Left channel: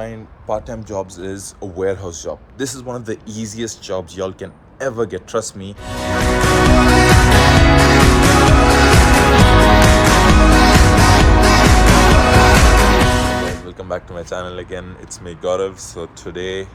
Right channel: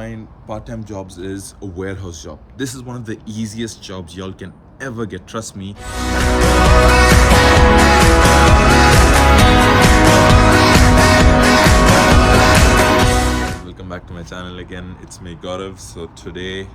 Find part-time jobs is a warehouse job. This is one of the easiest jobs y'all can ever get, trust me. Guys, welcome back to my channel again. It's me, Gaurav. So today,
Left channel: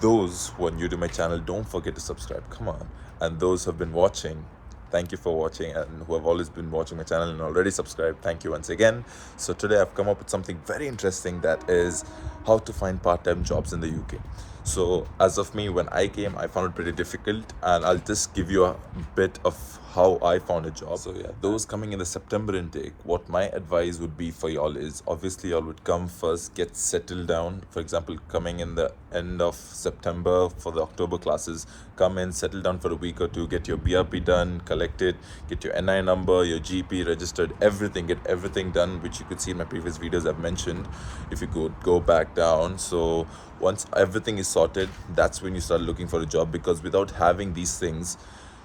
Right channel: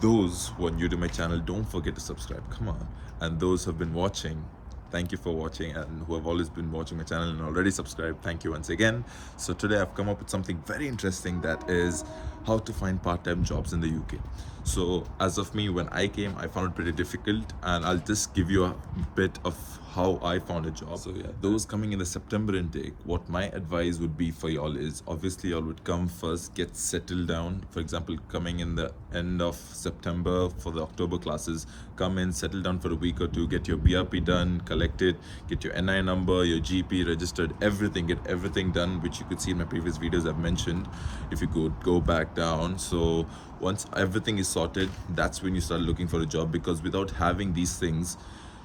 those who are new to my channel, don't forget to subscribe, come on. And those who have been watching, thank you for watching, and who have always been watching my channel and already subscribed, thank you once again. So today I've come up with something very interesting, that is how to find part-time jobs in the UK. So as of me, when I came, I found it pretty difficult, and I'll just give you a bit of how I found a job. So yeah, those coming in the September intake, what my advice would be for y'all is, obviously y'all would come first, get settled down. For example, coming in the end of September for the October classes, come in, settle down for a week or two, get your BRP done, collected, get your NI number, your GP registered, everything, get everything done, which you could see in my previous videos I've mentioned if you could go back down. So once everything is sorted, that's when you start looking for a job, because without having these things,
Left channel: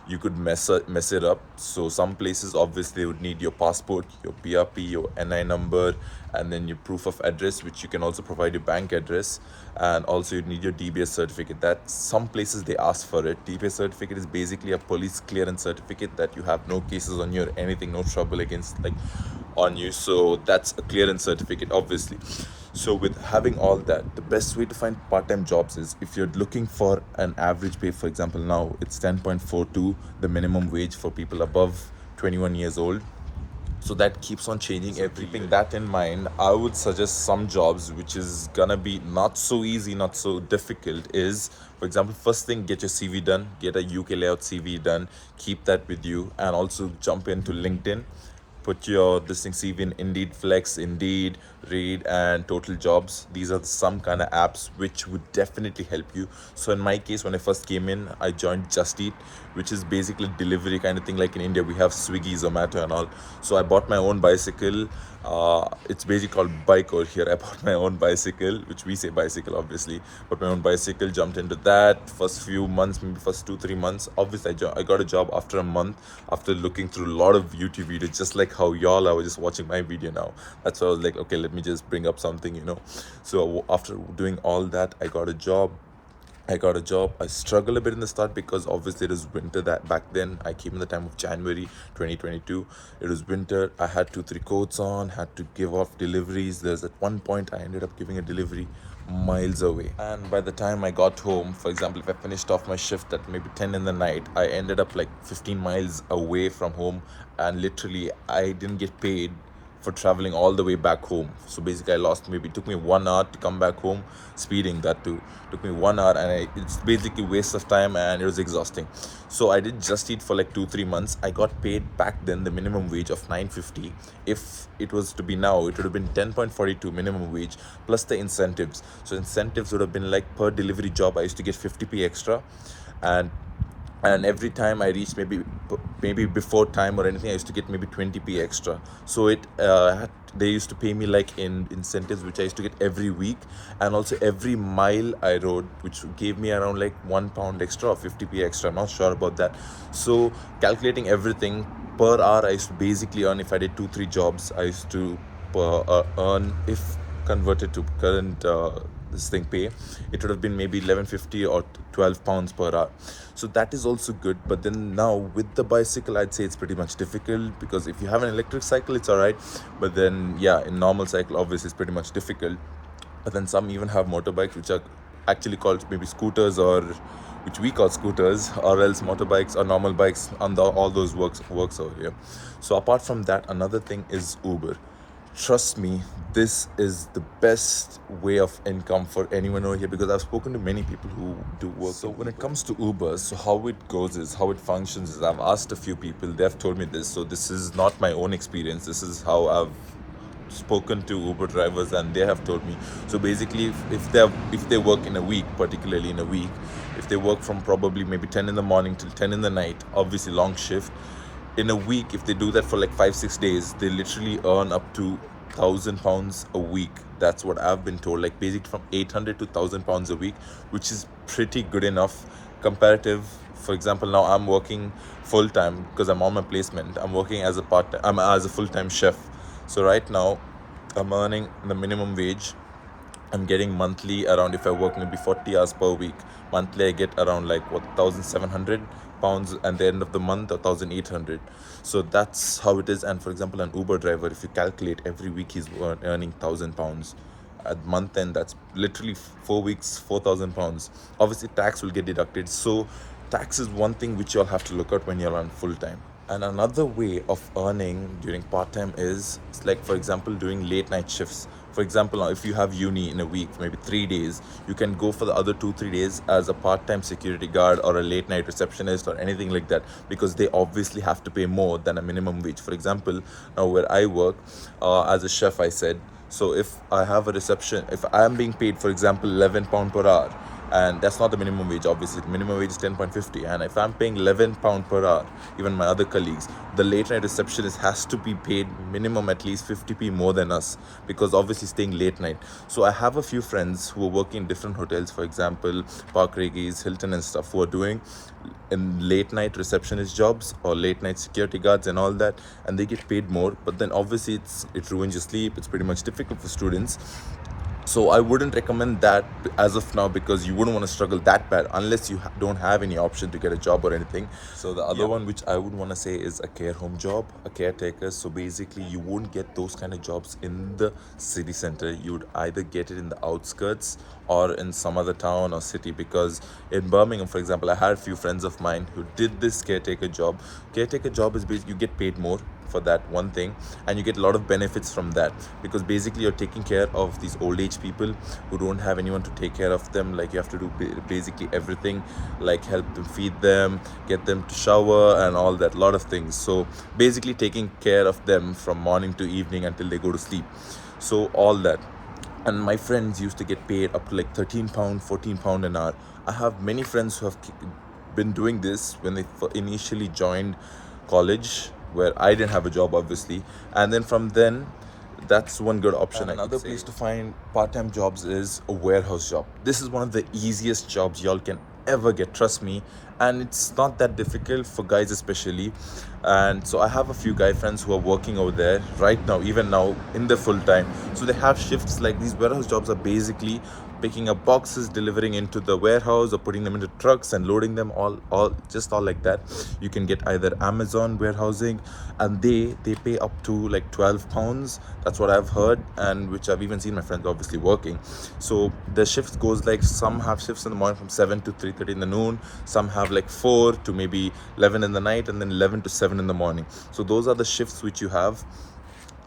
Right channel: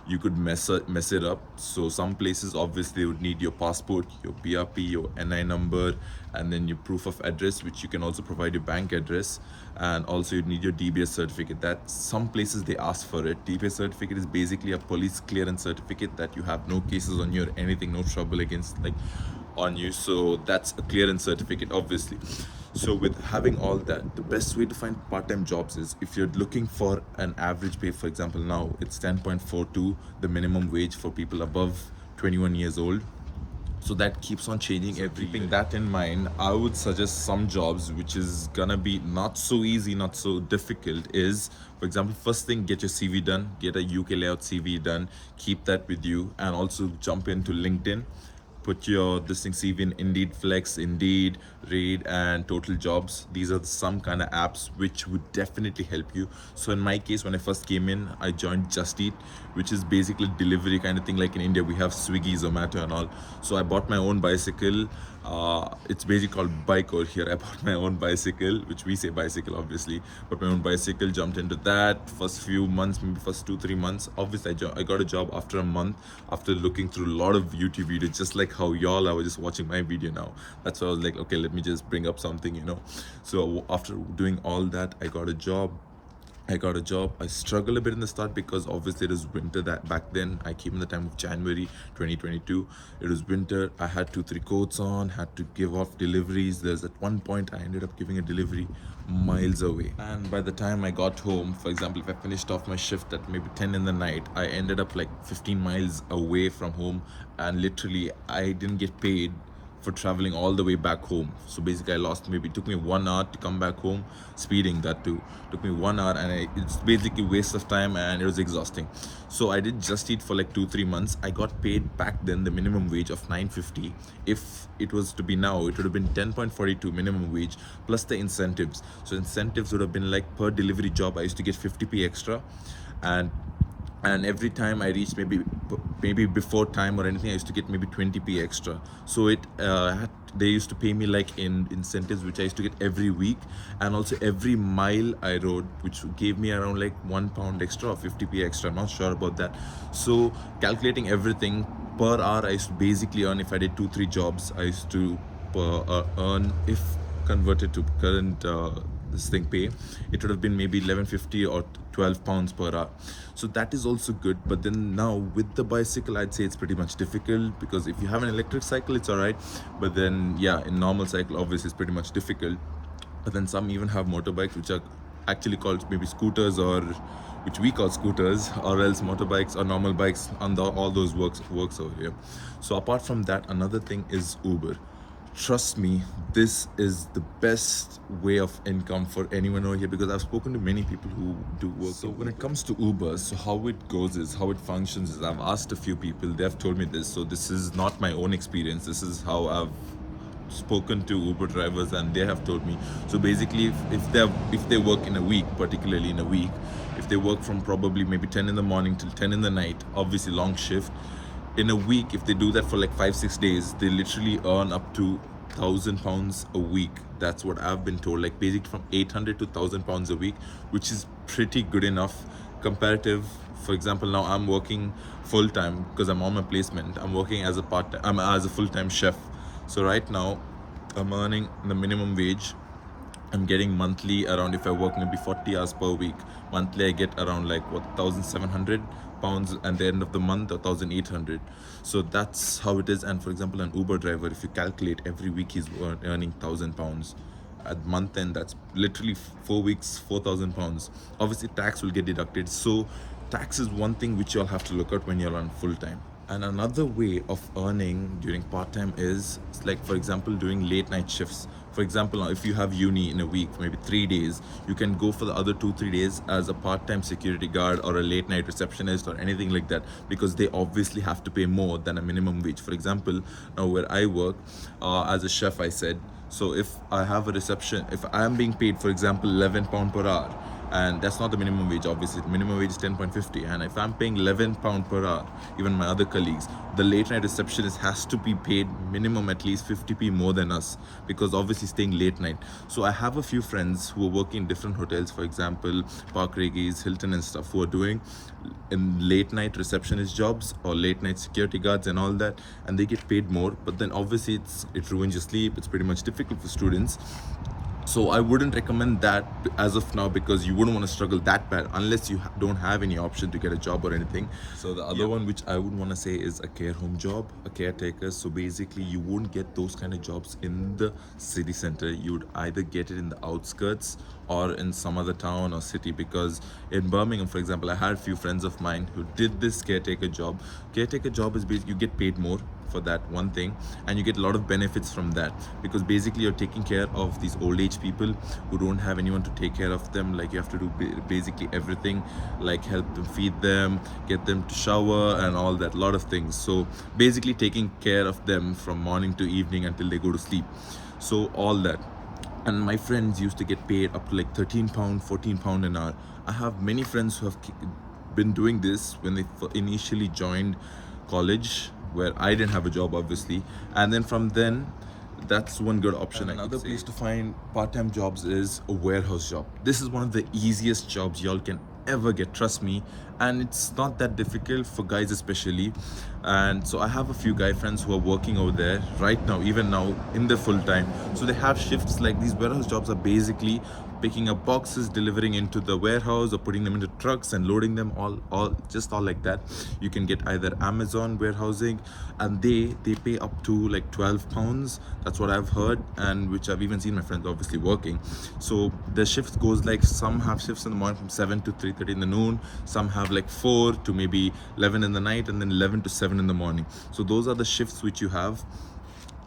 you could mess it up. So some places obviously would need your passport, your BRP, your NI number, and then your proof of address, which you can also provide your bank address, and also you'd need your DBS certificate. That some places they ask for it. DBS certificate is basically a police clearance certificate that you have no cases on you or anything, no trouble against on you. So that's a clearance certificate, obviously. So with having all that, the best way to find part-time jobs is, if you're looking for an average pay, for example, now it's 10.42, the minimum wage for people above 21 years old. So that keeps on changing every year. Keeping that in mind, I would suggest some jobs which is gonna be not so easy, not so difficult, is, for example, first thing, get your CV done, get a UK layout CV done, keep that with you, and also jump into LinkedIn. Put your CV in Indeed Flex, Indeed, Read, and Total Jobs. These are some kind of apps which would definitely help you. So in my case, when I first came in, I joined Just Eat, which is basically delivery kind of thing. Like in India, we have Swiggy, Zomato, and all. So I bought my own bicycle. It's basically called bike over here. I bought my own bicycle, which we say bicycle, obviously. But my own bicycle, jumped into that. First few months, maybe first 2-3 months, obviously I got a job after a month, after looking through a lot of YouTube videos, just like how y'all are just watching my video now. That's why I was like, okay, let me just bring up something. So after doing all that, I got a job. I struggled a bit in the start, because obviously it was winter. That back then I came in the time of January 2022. It was winter. I had 2-3 coats on, had to give off deliveries. There's at one point I ended up giving a delivery miles away, and by the time I got home, for example, if I finished off my shift at maybe 10 in the night, I ended up like 15 miles away from home, and literally I didn't get paid for traveling all the way back home. So basically I lost, maybe it took me 1 hour to come back home, speeding that too. Took me 1 hour, and it's basically waste of time, and it was exhausting. So I did Just Eat for like 2-3 months. I got paid back then the minimum wage of 9.50. If it was to be now, it would have been 10.42 minimum wage plus the incentives. So incentives would have been like, per delivery job I used to get 50p extra, and every time I reached maybe before time or anything, I used to get maybe 20p extra. So they used to pay me like in incentives, which I used to get every week, and also every mile I rode, which gave me around like £1 extra or 50p extra. I'm not sure about that. So calculating everything, per hour I used to basically earn, if I did 2-3 jobs, I used to earn, if converted to current this thing pay, it would have been maybe 11.50 or £12 per hour. So that is also good. But then now with the bicycle, I'd say it's pretty much difficult, because if you have an electric cycle, it's all right, but then yeah, in normal cycle, obviously it's pretty much difficult. But then some even have motorbikes, which are actually called maybe scooters, or which we call scooters, or else motorbikes or normal bikes, and all those works over here. So apart from that, another thing is Uber. Trust me, this is the best way of income for anyone over here, because I've spoken to many people who do work. So when it comes to Uber, so how it goes is, how it functions is, I've asked a few people, they've told me this. So this is not my own experience. This is how I've spoken to Uber drivers, and they have told me. So basically, if they work in a week, particularly in a week, if they work from probably maybe 10 in the morning till 10 in the night, obviously long shift, in a week, if they do that for like 5-6 days, they literally earn up to £1,000 a week. That's what I've been told, like basically from 800 to £1,000 a week, which is pretty good enough comparative. For example, now I'm working full-time because I'm on my placement. I'm working as I'm as a full-time chef. So right now I'm earning the minimum wage I'm getting monthly around, if I work maybe 40 hours per week, monthly I get around like what, 1,700 pounds, and the end of the month 1,800. So that's how it is. And for example, an Uber driver, if you calculate, every week he's earning 1,000 pounds. At month end, that's literally 4 weeks, 4,000 pounds. Obviously tax will get deducted, so tax is one thing which you'll have to look at when you're on full time. And another way of earning during part time is like, for example, doing late night shifts. For example, now if you have uni in a week, maybe 3 days, you can go for the other 2-3 days as a part time security guard or a late night receptionist or anything like that, because they obviously have to pay more than a minimum wage. For example, now where I work as a chef, I said, so if I have a reception, if I am being paid, for example, £11 per hour, and that's not the minimum wage, obviously the minimum wage is 10.50, and if I'm paying £11 per hour, even my other colleagues, the late night receptionist has to be paid minimum at least 50p more than us, because obviously staying late night. So I have a few friends who are working in different hotels, for example Park Regis, Hilton and stuff, who are doing in late night receptionist jobs or late night security guards and all that, and they get paid more, but then obviously it ruins your sleep. It's pretty much difficult for students. So I wouldn't recommend that as of now, because you wouldn't want to struggle that bad unless you don't have any option to get a job or anything. So the other one which I would want to say is a care home job, a caretaker. So basically you won't get those kind of jobs in the city center. You would either get it in the outskirts or in some other town or city, because in Birmingham, for example, I had a few friends of mine who did this caretaker job. Caretaker job is basically you get paid more for that one thing, and you get a lot of benefits from that, because basically you're taking care of these old age people who don't have anyone to take care of them. Like you have to do basically everything, like help them, feed them, get them to shower and all that, lot of things. So basically taking care of them from morning to evening until they go to sleep, so all that. And my friends used to get paid up to like £13, £14 an hour. I have many friends who have been doing this when they initially joined college, where I didn't have a job obviously, and then from then that's one good option. And another place to find part-time jobs is a warehouse job. This is one of the easiest jobs y'all can ever get, trust me, and it's not that difficult for guys especially. And so I have a few guy friends who are working over there right now, even now in the full time. So they have shifts. Like these warehouse jobs are basically picking up boxes, delivering into the warehouse, or putting them into trucks and loading them, all like that. You can get either Amazon warehousing, and they pay up to like £12. That's what I've heard, and which I've even seen my friends obviously working. So the shift goes like, some have shifts in the morning from 7 to 3:30 in the noon, some have like 4 to maybe 11 in the night, and then 11 to 7 in the morning. So those are the shifts which you have.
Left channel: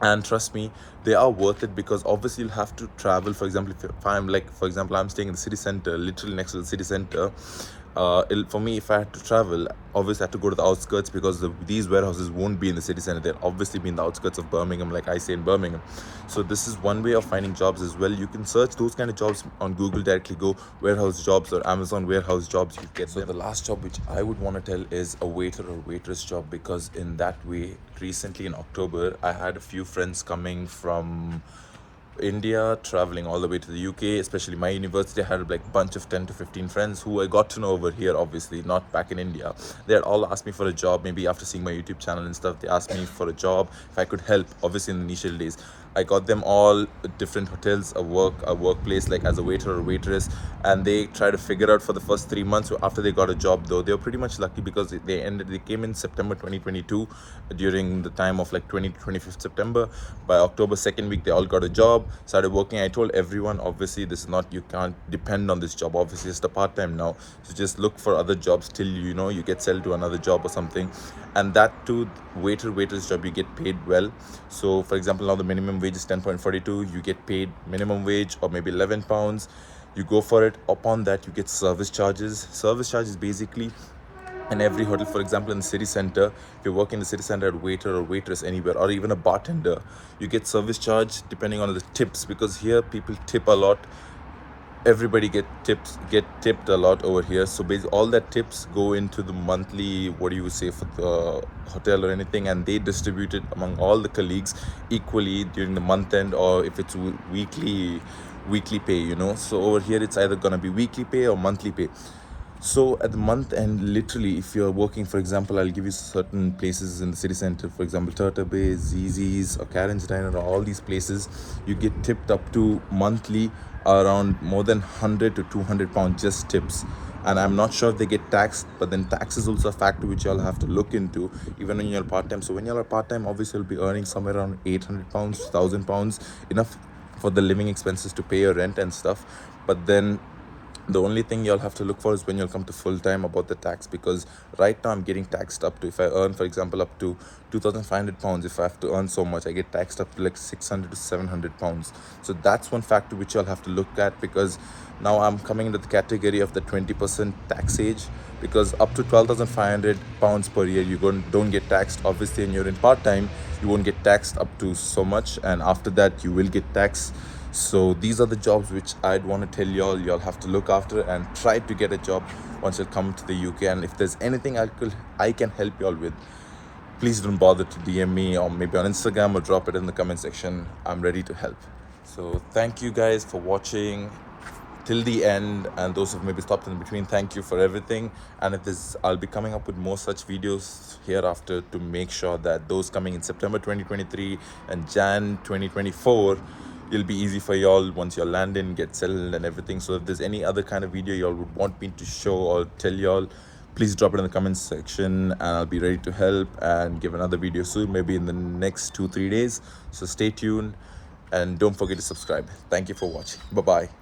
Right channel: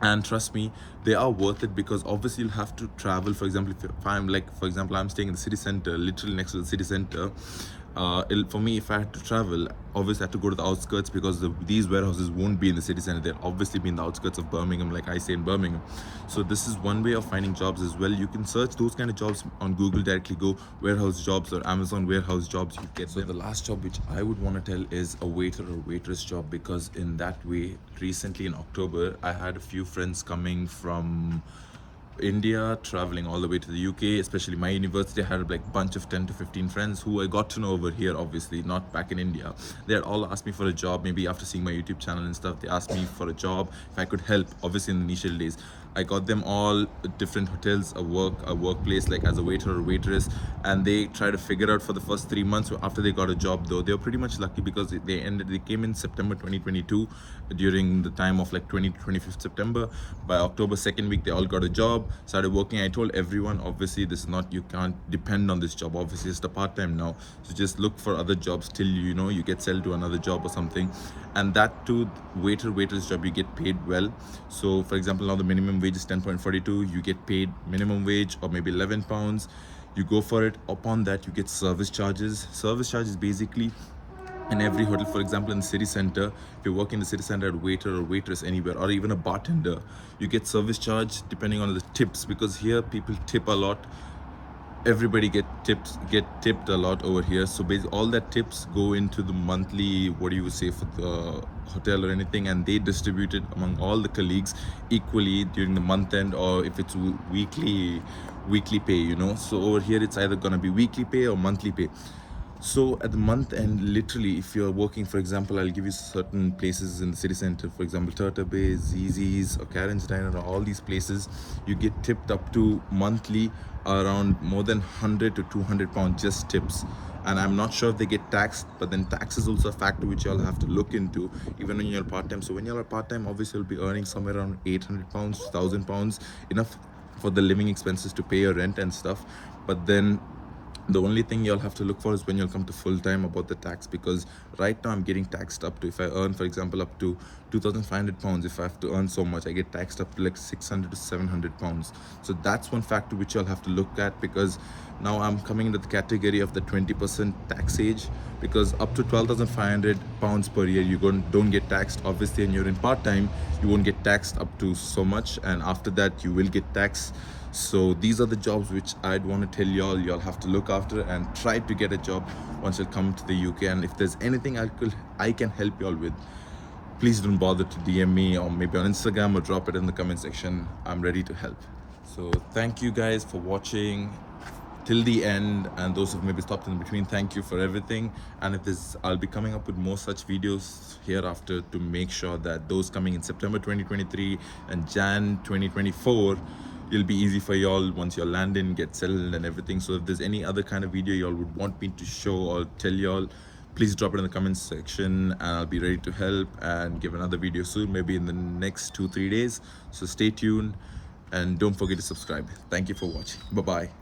And trust me, they are worth it, because obviously you'll have to travel. For example, if I'm like, for example, I'm staying in the city center, literally next to the city center. For me, if I had to travel, obviously I had to go to the outskirts, because these warehouses won't be in the city center. They'll obviously be in the outskirts of Birmingham, like I say in Birmingham. So this is one way of finding jobs as well. You can search those kind of jobs on Google, directly go warehouse jobs or Amazon warehouse jobs, you get them. So the last job which I would want to tell is a waiter or waitress job, because in that way, recently in October, I had a few friends coming from India, traveling all the way to the UK, especially my university. I had like a bunch of 10 to 15 friends who I got to know over here, obviously not back in India. They had all asked me for a job, maybe after seeing my YouTube channel and stuff. They asked me for a job, if I could help, obviously in the initial days. I got them all different hotels, a workplace, like as a waiter or waitress, and they tried to figure out for the first 3 months. After they got a job, though, they were pretty much lucky, because they came in September 2022, during the time of like 25th September. By October 2nd week, they all got a job, started working. I told everyone, obviously this is not, you can't depend on this job, obviously it's a part-time now, so just look for other jobs till you get settled to another job or something. And that too, waitress job, you get paid well. So for example, now the minimum wage is 10.42, you get paid minimum wage or maybe £11. You go for it. Upon that, you get service charges. Service charges basically, in every hotel, for example in the city center, if you work in the city center as waiter or waitress anywhere, or even a bartender, you get service charge depending on the tips, because here people tip a lot. Everybody get tipped a lot over here. So basically all that tips go into the monthly, what do you say, for the hotel or anything, and they distribute it among all the colleagues equally during the month end, or if it's weekly pay, So over here it's either gonna be weekly pay or monthly pay. So at the month end, literally, if you're working, for example, I'll give you certain places in the city center, for example, Turtle Bay, ZZ's, or Karen's Diner, or all these places, you get tipped up to monthly around more than 100 to 200 pounds just tips. And I'm not sure if they get taxed, but then tax is also a factor which you'll have to look into even when you're part-time. So when you're part-time, obviously you'll be earning somewhere around 800 pounds, 1,000 pounds, enough for the living expenses to pay your rent and stuff. But then the only thing you'll have to look for is when you'll come to full time about the tax, because right now I'm getting taxed up to, if I earn, for example, up to 2,500 pounds, if I have to earn so much, I get taxed up to like 600 to 700 pounds. So that's one factor which you'll have to look at, because now I'm coming into the category of the 20% tax age, because up to 12,500 pounds per year you don't get taxed. Obviously, and you're in part-time, you won't get taxed up to so much, and after that you will get taxed. So these are the jobs which I'd want to tell y'all have to look after and try to get a job once you come to the UK. And if there's anything I can help y'all with, please don't bother to DM me, or maybe on Instagram, or drop it in the comment section. I'm ready to help. So thank you guys for watching till the end, and those who maybe stopped in between, thank you for everything. And if this, I'll be coming up with more such videos hereafter to make sure that those coming in September 2023 and Jan 2024, it'll be easy for y'all once you're landing, get settled and everything. So if there's any other kind of video y'all would want me to show or tell y'all, please drop it in the comments section, and I'll be ready to help and give another video soon, maybe in the next 2-3 days. So stay tuned and don't forget to subscribe. Thank you for watching. Bye bye.